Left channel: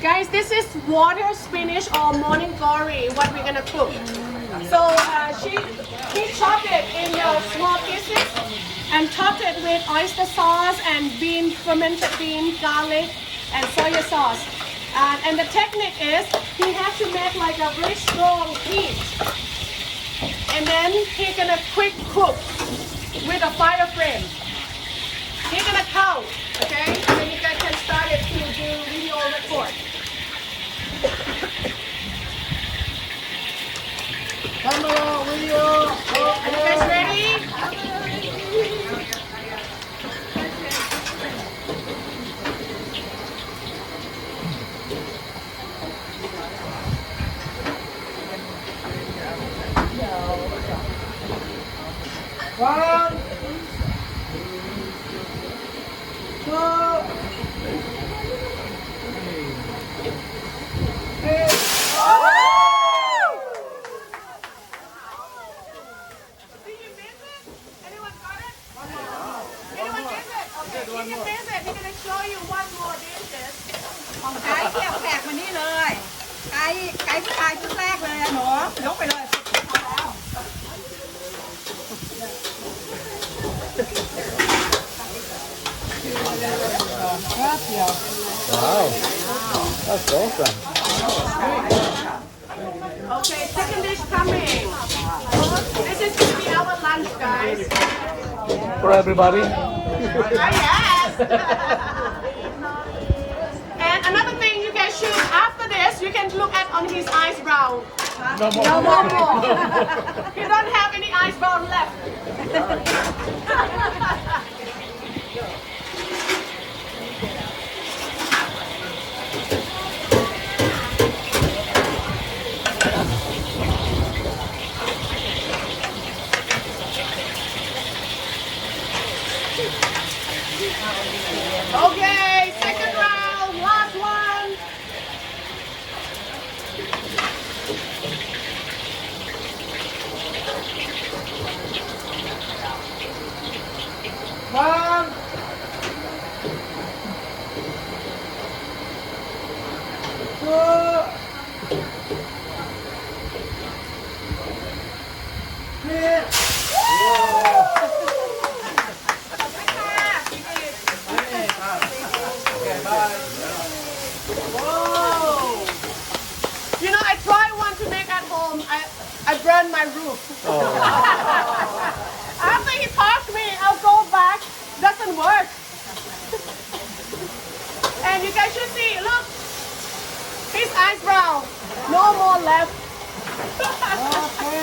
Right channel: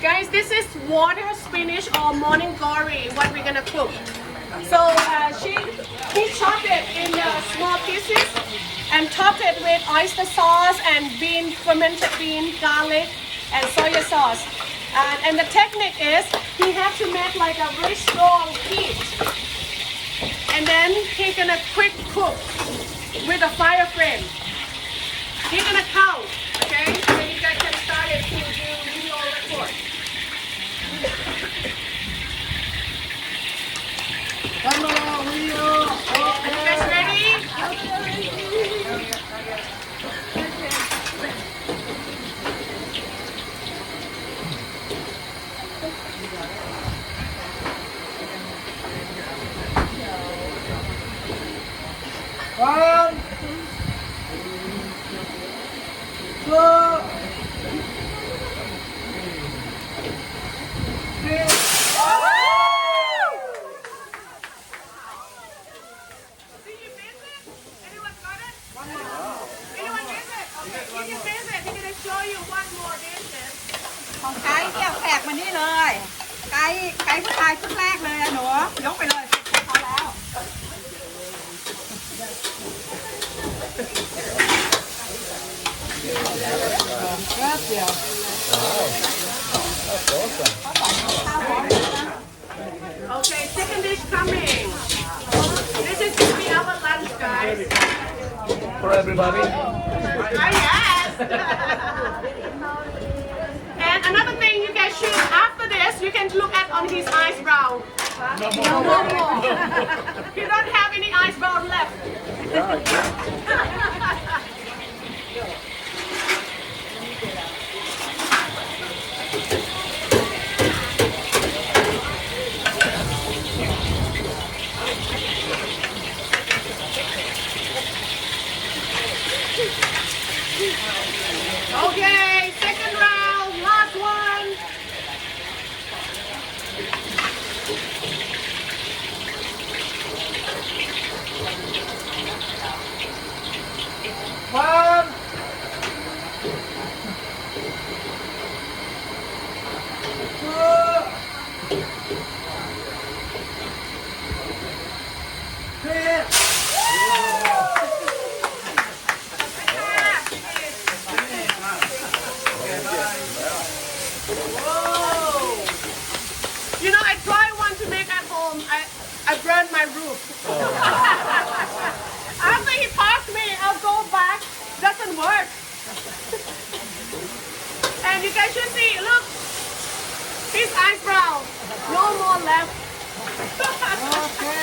Guys, this is water spinach or morning glory, what we're gonna cook. So he chopped it in small pieces and topped it with oyster sauce and fermented bean, garlic, and soy sauce. And the technique is he has to make like a very strong heat. And then he's gonna quick cook with a fire frame. He's gonna count, okay? And then you guys can start it to do video record. Come on, video. Are you guys ready? One, two, three.ของไก่เกี่ยวแขกมานี่เลยไก่ผู้ชายชุดแรกเลยหนูยกไปเลยพอแล้วแป๊บเดียว That's awesome. Okay, second dish coming. This is gonna be our lunch, guys. For everybody. Yes. And another thing you guys should, after this, you can look at on his eyebrow. No more. He don't have any eyebrow left. Okay, second round, last one. One, two, three. You know, I tried one to make at home. I burned my roof. After he taught me, I'll go back. Doesn't work. And you guys should see, look, his eyebrow, no more left. Okay.